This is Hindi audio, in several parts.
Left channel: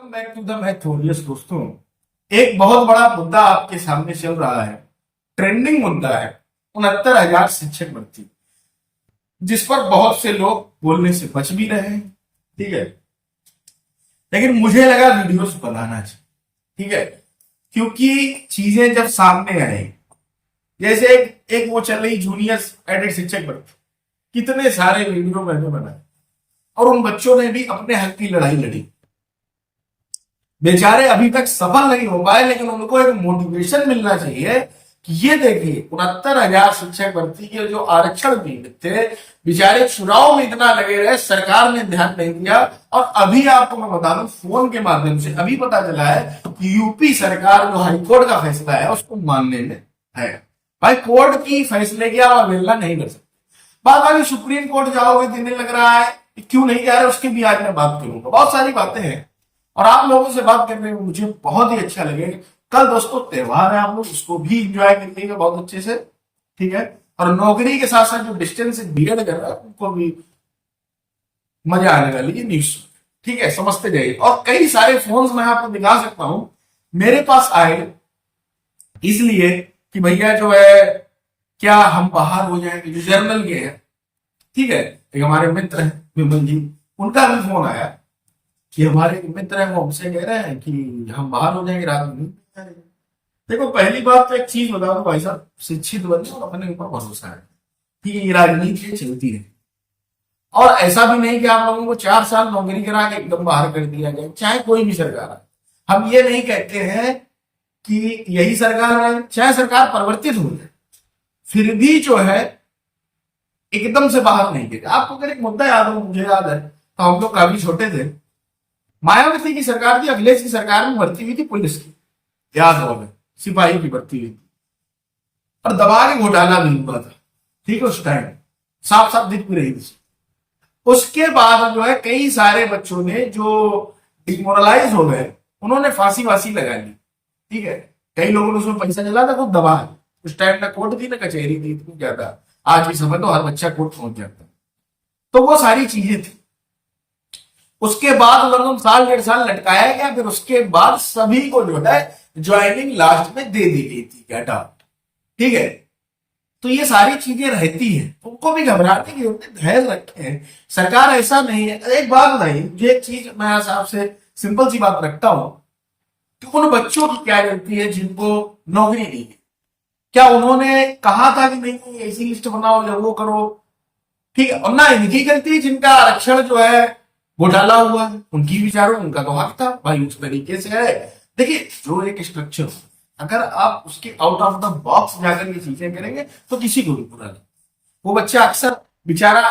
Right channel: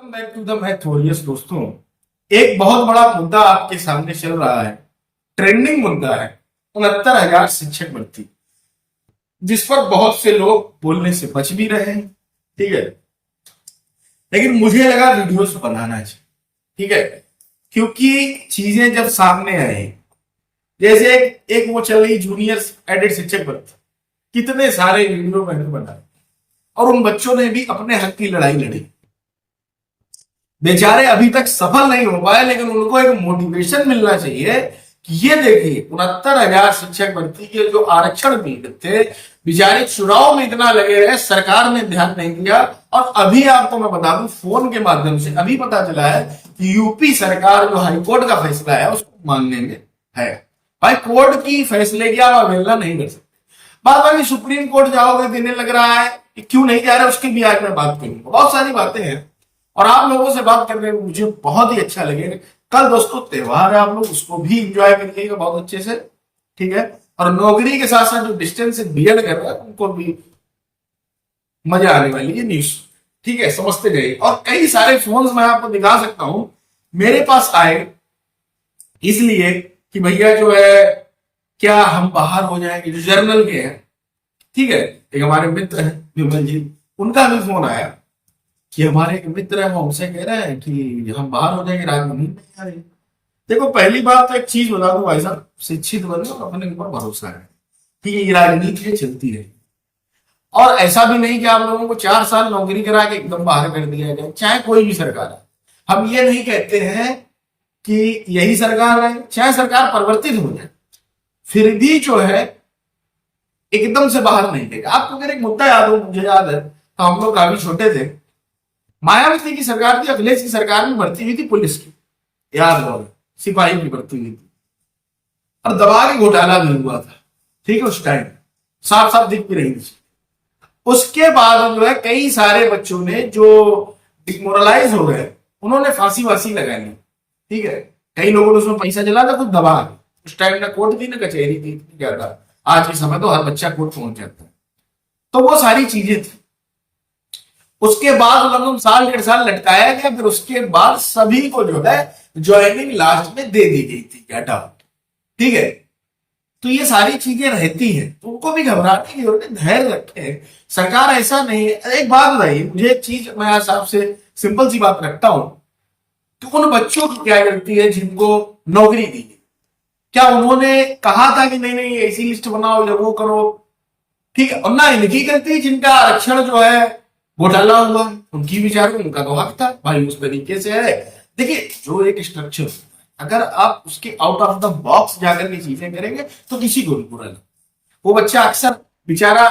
वेलकम बैक टू द मैथोरियस दोस्तों। एक बहुत बड़ा मुद्दा आपके सामने चल रहा है। ट्रेंडिंग मुद्दा है 69,000 शिक्षक भर्ती, जिस पर बहुत से लोग बोलने से बच भी रहे हैं। ठीक है, लेकिन मुझे लगा वीडियोस बनाना चाहिए। ठीक है, क्योंकि चीजें जब सामने आई, जैसे एक वो चल रही जूनियर एडेड शिक्षक भर्ती, कितने सारे वीडियो मैंने बनाए और उन बच्चों ने भी अपने हक की लड़ाई लड़ी। बेचारे अभी तक सफल नहीं हो पाए, लेकिन उनको एक मोटिवेशन मिलना चाहिए कि ये देखिए 69,000 शिक्षक भर्ती के जो आरक्षण पीड़ित थे, बेचारे चुनाव में इतना लगे रहे, सरकार ने ध्यान नहीं दिया। और अभी आपको मैं बता दूं, फोन के माध्यम से अभी पता चला है कि यूपी सरकार जो हाईकोर्ट का फैसला है उसको मानने में है। भाई, कोर्ट की फैसले की आप अवहेलना नहीं कर सकते। बात बाकी सुप्रीम कोर्ट जाओगे, देने लग रहा है कि क्यों नहीं जा रहे, उसकी भी आज मैं बात करूंगा। बहुत सारी बातें हैं और आप लोगों से बात करने में मुझे बहुत ही अच्छा लगेगा। कल दोस्तों त्योहार है, आप लोग उसको भी इंजॉय करिएगा बहुत अच्छे से। ठीक है, और नौकरी के साथ साथ जो डिस्टेंस से बीएड कर रहे हैं उनको भी मजा आने वाली है न्यूज। ठीक है, समझते जाइए। और कई सारे फोन्स मैं आपको दिखा सकता हूं मेरे पास आए, इसलिए कि भैया जो है क्या हम बाहर हो जाएंगे, जो जर्नल के हैं। ठीक है, एक हमारे मित्र हैं विमल जी, उनका भी फोन आया कि हमारे एक मित्र हैं, वो हमसे कह रहे हैं कि हम बाहर हो जाएंगे, रात में नींद नहीं आ रही। देखो, पहली बात तो एक चीज बता दो भाई साहब, शिक्षित बने और अपने ऊपर भरोसा है। ठीक है, ये राजनीति है, चलती रहे। और ऐसा भी नहीं कि आप लोगों को 4 साल नौकरी करा के एकदम बाहर कर दिया जाए, चाहे कोई भी सरकार है। हम ये नहीं कहते हैं कि यही सरकार है, चाहे सरकार परिवर्तित हो जाए, फिर भी जो है एकदम से बाहर नहीं देगा। आपको अगर एक मुद्दा याद हो, मुझे याद है तो हम लोग काफी छोटे थे, मायावती की सरकार थी, अखिलेश की सरकार में भर्ती हुई थी पुलिस की, याद होगा, सिपाही की भर्ती हुई थी और दबा के घोटाला भी हुआ था। ठीक है, उस टाइम साफ साफ दिख भी रही थी। उसके बाद जो है कई सारे बच्चों ने जो डिमोरलाइज हो गए, उन्होंने फांसी वासी लगा ली। ठीक है, कई लोगों ने उसमें पैसा जला था खुद दबा के। उस टाइम ना कोर्ट थी ना कचहरी थी इतनी ज्यादा, आज के समय तो हर बच्चा कोर्ट पहुंच जाता है। तो वो सारी चीजें थी। उसके बाद लगभग साल 1.5 साल लटकाया गया, फिर उसके बाद सभी को जो है ज्वाइनिंग लास्ट में दे दी गई थी, हटा। ठीक है, तो ये सारी चीजें रहती हैं, तो उनको भी घबराने की जरूरत है, धैर्य रखें। सरकार ऐसा नहीं है। एक बात बताइए मुझे, एक चीज मैं आपसे सिंपल सी बात रखता हूं कि उन बच्चों की क्या गलती है जिनको नौकरी दी गई? क्या उन्होंने कहा था कि नहीं नहीं ऐसी लिस्ट बनाओ या वो करो? ठीक है, और ना इनकी गलती जिनका आरक्षण जो है घोटाला हुआ, उनकी विचारों, उनका तो हक था भाई, उस तरीके से है। देखिए, जो एक स्ट्रक्चर होता है, अगर आप उसके आउट ऑफ द बॉक्स जाकर के चीजें करेंगे तो किसी को भी बुरा लगे। वो बच्चा अक्सर बेचारा,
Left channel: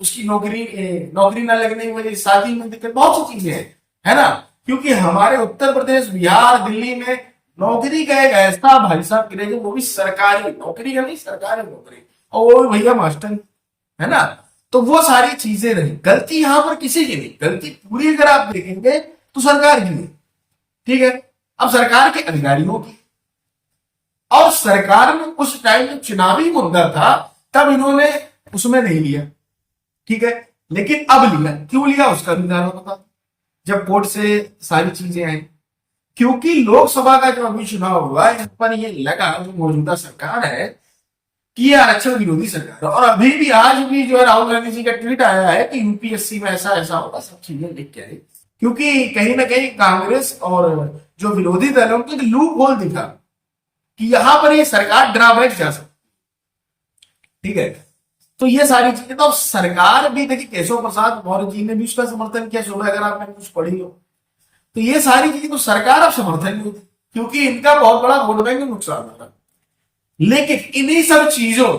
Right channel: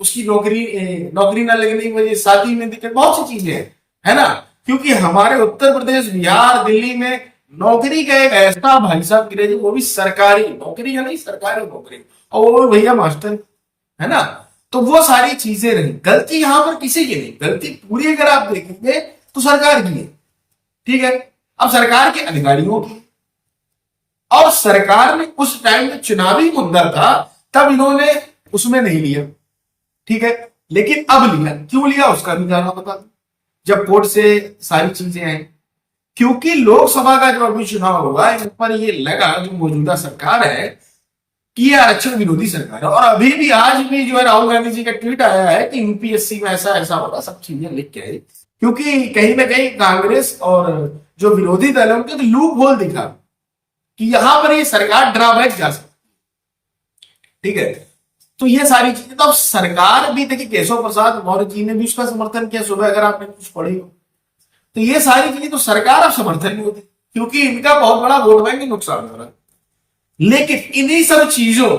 उसकी नौकरी ना लगने की वजह, शादी में दिक्कत, बहुत सी चीजें हैं, है ना। क्योंकि हमारे उत्तर प्रदेश, बिहार, दिल्ली में नौकरी का एक ऐसा भाई साहब क्रेज, वो भी सरकारी नौकरी है, नहीं सरकारी नौकरी, और वो भी भैया मास्टर, है ना। तो वो सारी चीजें रही। गलती यहां पर किसी की नहीं, गलती पूरी अगर आप देखेंगे तो सरकार की है। ठीक है, अब सरकार के अधिकारियों की, और सरकार ने उस टाइम में चुनावी मुद्दा था तब इन्होंने उसमें नहीं लिया। ठीक है, लेकिन अब लिया। क्यों लिया उसका भी कारण बता दो। जब कोर्ट से सारी चीजें आई, क्योंकि लोकसभा का जो अभी चुनाव हुआ, इन पर ये लगा जो मौजूदा सरकार है कि ये आरक्षण विरोधी सरकार है। और अभी भी आज भी जो है राहुल गांधी जी का ट्वीट आया है कि यूपीएससी में ऐसा ऐसा होगा, सब चीजें लिख के आई। क्योंकि कहीं ना कहीं कांग्रेस और जो विरोधी दल है उनके लूप होल दिखा कि यहां पर ये सरकार ड्रॉबैक जा सकती। ठीक है, तो ये सारी चीजें, तो अब सरकार भी देखिए, केशव प्रसाद मौर्य जी ने भी उसका समर्थन किया सुबह, अगर आपने कुछ पढ़ी हो तो। ये सारी चीजें तो सरकार अब समर्थन नहीं होती, क्योंकि इनका बहुत बड़ा वोट बैंक नुकसान हो रहा है। लेकिन इन्हीं सब चीजों,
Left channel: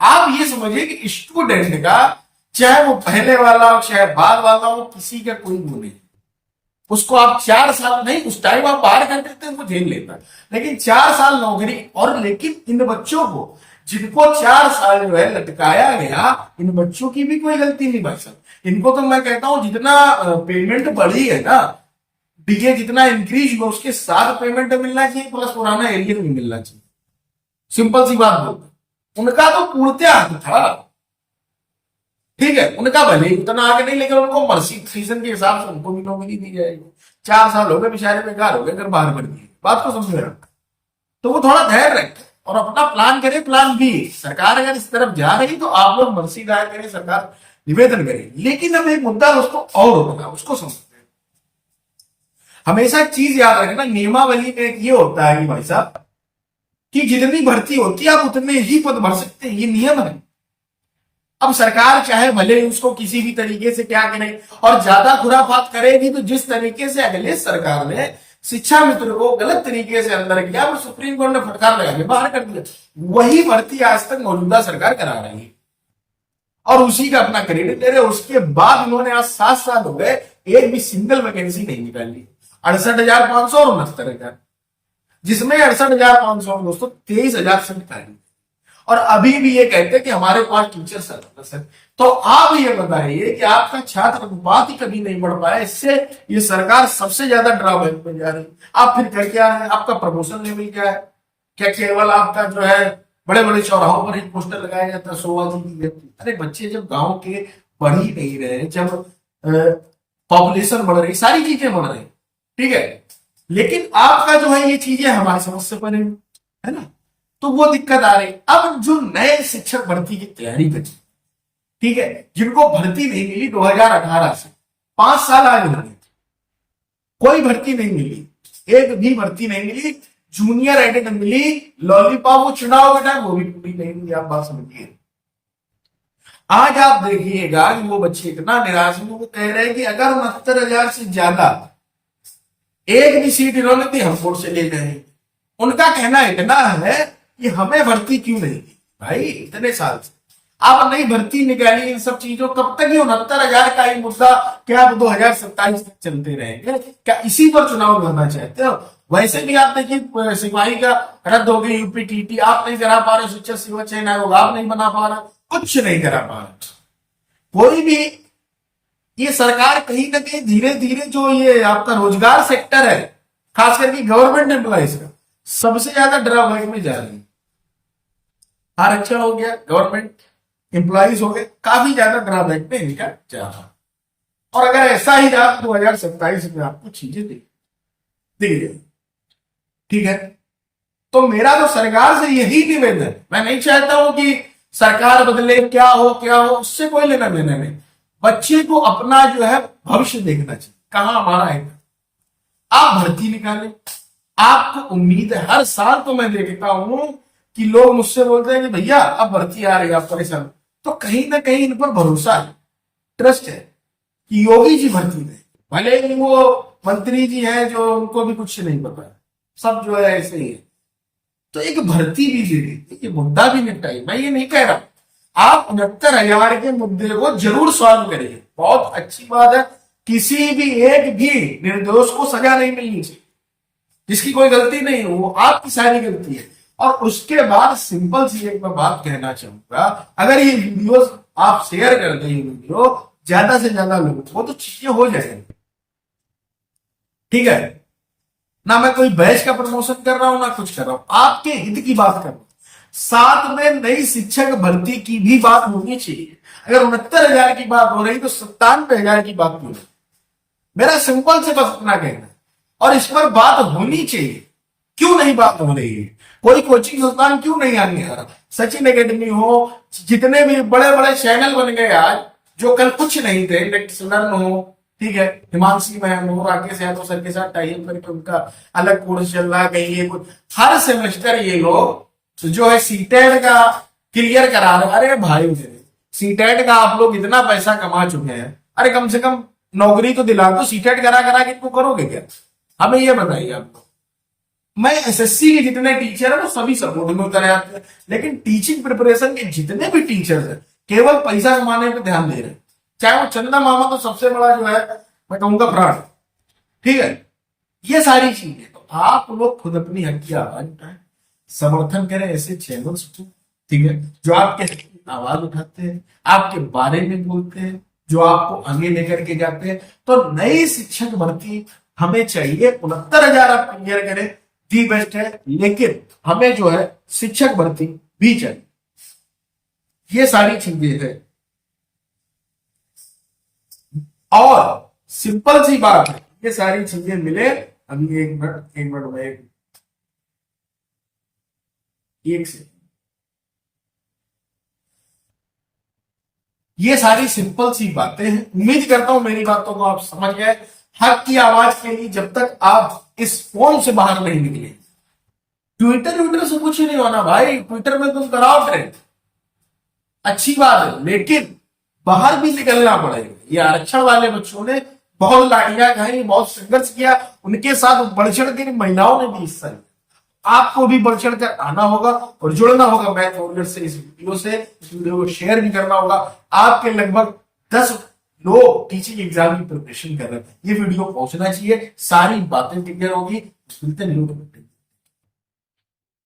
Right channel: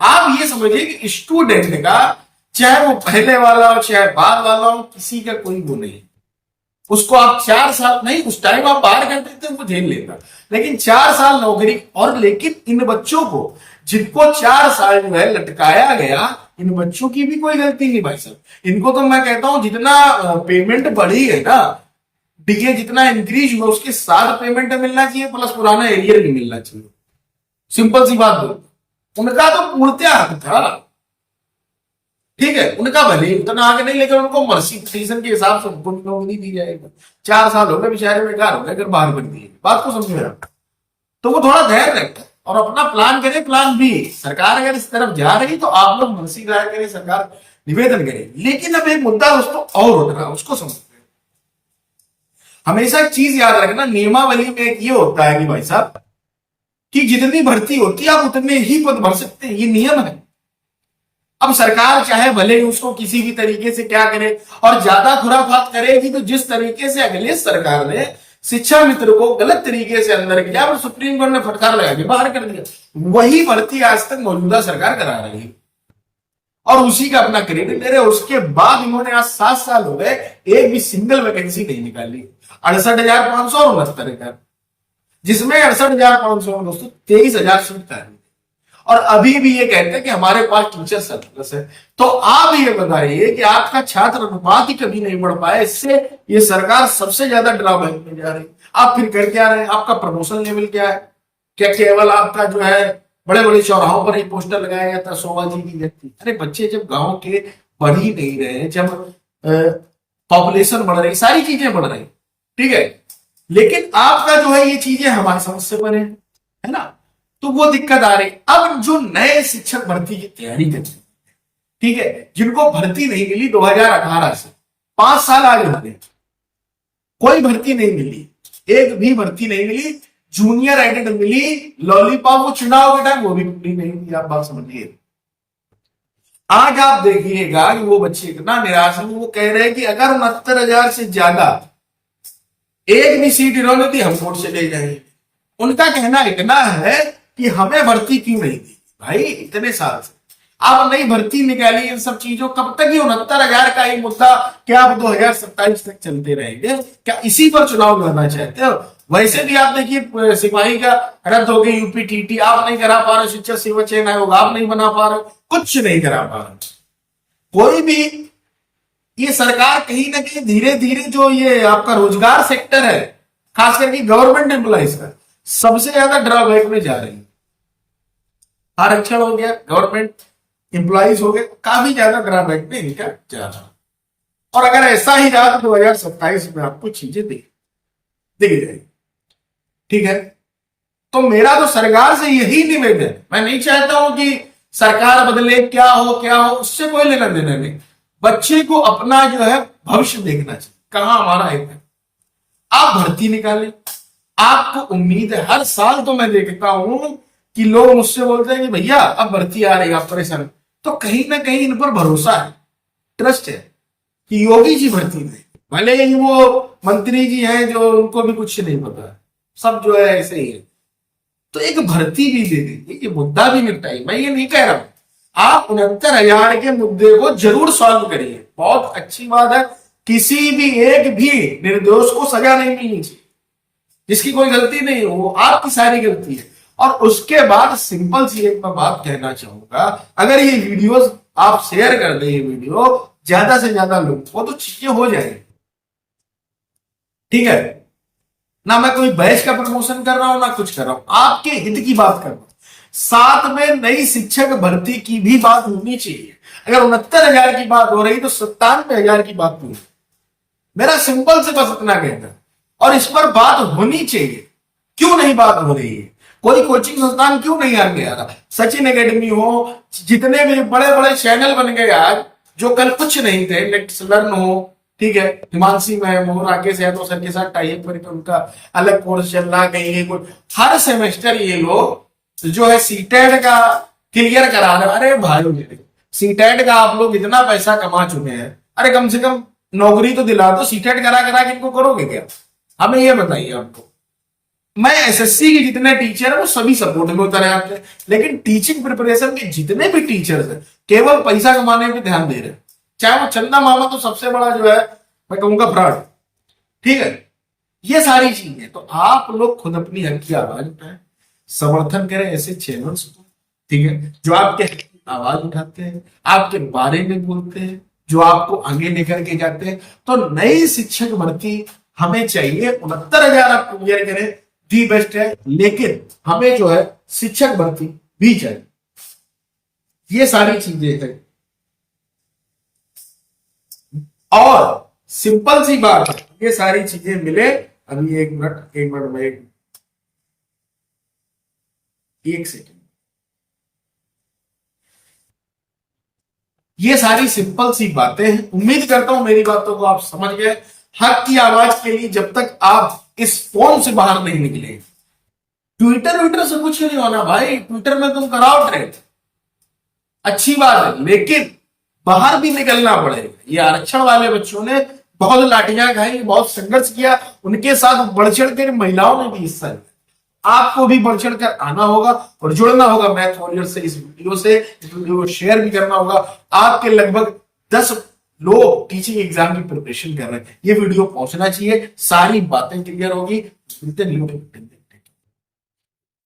आप ये समझिए कि स्टूडेंट का, चाहे वो पहले वाला हो चाहे बाद वाला हो, किसी का कोई वो नहीं। उसको आप 4 साल नहीं, उस टाइम आप बाहर कर देते वो झेल लेता, लेकिन 4 साल नौकरी। और लेकिन इन बच्चों को, जिनको 4 साल जो है लटकाया गया, इन बच्चों की भी कोई गलती नहीं भाई साहब। इनको तो मैं कहता हूं जितना पेमेंट बढ़ी है ना, डीए जितना इंक्रीज हुआ, उसके साथ पेमेंट मिलना चाहिए, प्लस पुराना एरियर भी मिलना चाहिए। सिंपल सी बात बोलता, उनका तो पूर्णतया हक था। ठीक है, उनका भले ही उतना आगे नहीं, लेकिन उनको मर्सी पिटीशन के हिसाब से उनको भी नौकरी दी जाएगी। 4 साल हो गए बेचारे बेकार हो गए, अगर बाहर कर दिए, बात को समझ रहे हो? तो वो थोड़ा धैर्य रखें और अपना प्लान करे, प्लान बी। सरकार अगर इस तरफ जा रही तो आप लोग मर्सी दायर करें, सरकार निवेदन करे। लेकिन अब एक मुद्दा दोस्तों और उठ रहा है, उसको समझते हैं। हमेशा एक चीज याद रखना, नियमावली में एक ये होता है कि भाई साहब कि जितनी भर्ती होती है आप उतने ही पद भर सकते हैं, ये नियम है। अब सरकार चाहे भले ही उसको किसी भी तरीके से क्या करे और ज्यादा खुराफात करेगी, तो जिस तरीके से अगले सरकार ने शिक्षा मित्र को गलत तरीके से अंदर किया और सुप्रीम कोर्ट ने फटकार लगा के बाहर कर दिया, वही भर्ती आज तक मौजूदा सरकार करा रही है और उसी का अपना क्रेडिट ले रहे। उसके बाद इन्होंने आज 7 साल हो गए, एक भी सिंगल वैकेंसी नहीं निकाली। 68,500 और 69,000, जिसमें 68,500 में दोस्तों 23,000 सीट खाली, और अभी भी ये कहते हैं कि हमारे पास टीचर सरप्लस है। तो आप ये बताइए कि आपका छात्र अनुपात ही कभी नहीं बढ़ पाया, इससे ये सरकार सबसे ज्यादा ड्रॉबैक में जा रही। आप फिर कर क्या रहे हैं? आपका प्रमोशन लेवल क्या है? क्या केवल आपका जो है बड़े बड़े चौराहों पर ही पोस्टर लगाया जाता है शोभा जी की व्यक्ति? अरे बच्चे जब गांव के पढ़ ही नहीं रहे, जब पॉपुलेशन बढ़ रही, सारी चीजें बढ़ रही, ठीक है, लेकिन आपका जो है ये चीजें हमारी समझ से परे है ना, तो वो दिक्कत आ रही। अब जो नए शिक्षक भर्ती की तैयारी कर रहे हैं, ठीक है, जिनको भर्ती नहीं मिली 2018 से 5 साल आज हो गए, कोई भर्ती नहीं मिली, एक भी भर्ती नहीं मिली। जूनियर एडेड मिली, लॉलीपॉप वो चुनाव के टाइम वो भी पूरी नहीं हुई। आप बात समझिए। आज आप देखिएगा कि वो बच्चे इतना निराश है, वो कह रहे हैं कि अगर 69,000 से ज्यादा एक भी सीट इन्होंने दी हम कोर्ट से ले जाएंगे। उनका कहना इतना है कि हमें भर्ती क्यों नहीं दी? भाई इतने साल से आप नई भर्ती निकाली, इन सब चीजों कब तक ये 69,000 का ये मुद्दा क्या आप 2027 तक चलते रहेंगे? क्या इसी पर चुनाव लड़ना चाहते हो? वैसे भी आप देखिए सिपाही का रद्द हो गई, यूपीटीटी आप नहीं करा पा रहे, शिक्षक सेवा चयन आयोग आप नहीं बना पा रहे, कुछ नहीं करा पा रहे कोई भी। ये सरकार कहीं ना कहीं धीरे धीरे जो ये आपका रोजगार सेक्टर है, खास करके गवर्नमेंट एम्प्लॉइज का, सबसे ज्यादा ड्रॉबैक में जा रही है। आरक्षण हो गया, गवर्नमेंट एम्प्लॉइज हो गए, काफी ज्यादा ड्रॉबैक में इनका जा रहा। और अगर ऐसा ही रहा तो 2027 में आपको चीजें दिख जाएगी, ठीक है। तो मेरा तो सरकार से यही निवेदन, मैं नहीं चाहता हूं कि सरकार बदले, क्या हो उससे कोई लेना देना नहीं। बच्चे को अपना जो है भविष्य देखना चाहिए, कहां हमारा है। आप भर्ती निकालें, आपको उम्मीद है। हर साल तो मैं देखता हूं कि लोग मुझसे बोलते हैं कि भैया अब भर्ती आ रही है, आप परेशान, तो कहीं ना कहीं इन पर भरोसा है, ट्रस्ट है कि योगी जी भर्ती दें। भले ही वो मंत्री जी हैं जो उनको भी कुछ नहीं पता है, सब जो है ऐसे ही है, तो एक भर्ती भी दे दीजिए, ये मुद्दा भी निपटाइए। मैं ये नहीं कह रहा हूं, आप 69,000 के मुद्दे को जरूर सॉल्व करिए, बहुत अच्छी बात है। किसी भी एक भी निर्दोष को सजा नहीं मिलनी चाहिए, जिसकी कोई गलती नहीं है वो आपकी सारी गलती है। और उसके बाद सिंपल सी एक मैं बात कहना चाहूंगा, अगर ये वीडियोस आप शेयर कर दें, ये वीडियो ज्यादा से ज्यादा लोगों को, तो चीजें हो जाएंगी, ठीक है ना। मैं कोई बैच का प्रमोशन कर रहा हूं ना कुछ कर रहा हूं, आपके हित की बात कर रहा हूं। साथ में नई शिक्षक भर्ती की भी बात होनी चाहिए। अगर 69,000 की बात हो रही तो 97,000 की बात क्यों नहीं? मेरा सिंपल से बस इतना कहना, और इस पर बात होनी चाहिए। क्यों नहीं बात हो रही है? कोई कोचिंग संस्थान क्यों नहीं आगे आ रहा? सचिन एकेडमी हो, जितने भी बड़े बड़े चैनल बन गए आज, जो कल कुछ नहीं थे, लेट्स लर्न हो, ठीक है, हिमांशी मैम हो, राकेश यादव सर के साथ टाइप करके उनका अलग कोर्स चल रहा, कहीं ये कुछ, हर सेमेस्टर ये लोग जो है सीटेट का क्लियर करा रहे। अरे भाई मेरे, सीटेट का आप लोग इतना पैसा कमा चुके हैं, अरे कम से कम नौकरी तो दिला दो। सीटेट करा करा के इनको करोगे क्या? हमें ये बताइए आपको। मैं एसएससी के जितने टीचर है वो सभी सपोर्ट में उतर आते हैं, लेकिन टीचिंग प्रिपरेशन के जितने भी टीचर्स हैं केवल पैसा कमाने पे ध्यान दे रहे हैं। चाहे वो चंदा मामा तो सबसे बड़ा जो है मैं कहूंगा फ्रॉड, ठीक है। ये सारी चीजें तो आप लोग खुद अपनी हक की आवाज उठाएं, समर्थन करें ऐसे चैनल्स को, ठीक है, जो आपके आवाज उठाते हैं, आपके बारे में बोलते हैं, जो आपको आगे लेकर के जाते हैं। तो नई शिक्षक भर्ती हमें चाहिए, 69,000 आप क्लियर करें, दी बेस्ट है, लेकिन हमें जो है शिक्षक भर्ती भी चाहिए। ये सारी चीजें हैं। और सिंपल सी बात है, ये सारी चीजें मिले। अभी एक मिनट में एक सेकेंड, ये सारी सिंपल सी बातें हैं। उम्मीद करता हूं मेरी बातों को आप समझ गए। हक की आवाज के लिए जब तक आप इस फोन से बाहर नहीं निकले, ट्विटर से कुछ नहीं होना भाई। ट्विटर में तुम कराओ ट्रेंड, अच्छी बात है, लेकिन बाहर भी निकलना पड़ेगा। ये आरक्षण वाले बच्चों ने बहुत लाठियां खाई, बहुत संघर्ष किया, उनके साथ बढ़ चढ़ कर महिलाओं ने भी हिस्सा लिया। आपको भी बढ़ चढ़ कर आना होगा और जुड़ना होगा मैथ वॉरियर से। इस वीडियो को शेयर भी करना होगा। आपके लगभग 10 लोग टीचिंग एग्जाम की प्रिपरेशन कर रहे हैं, ये वीडियो पहुंचना चाहिए, सारी बातें क्लियर होगी। मिलते हैं न्यू टॉपिक।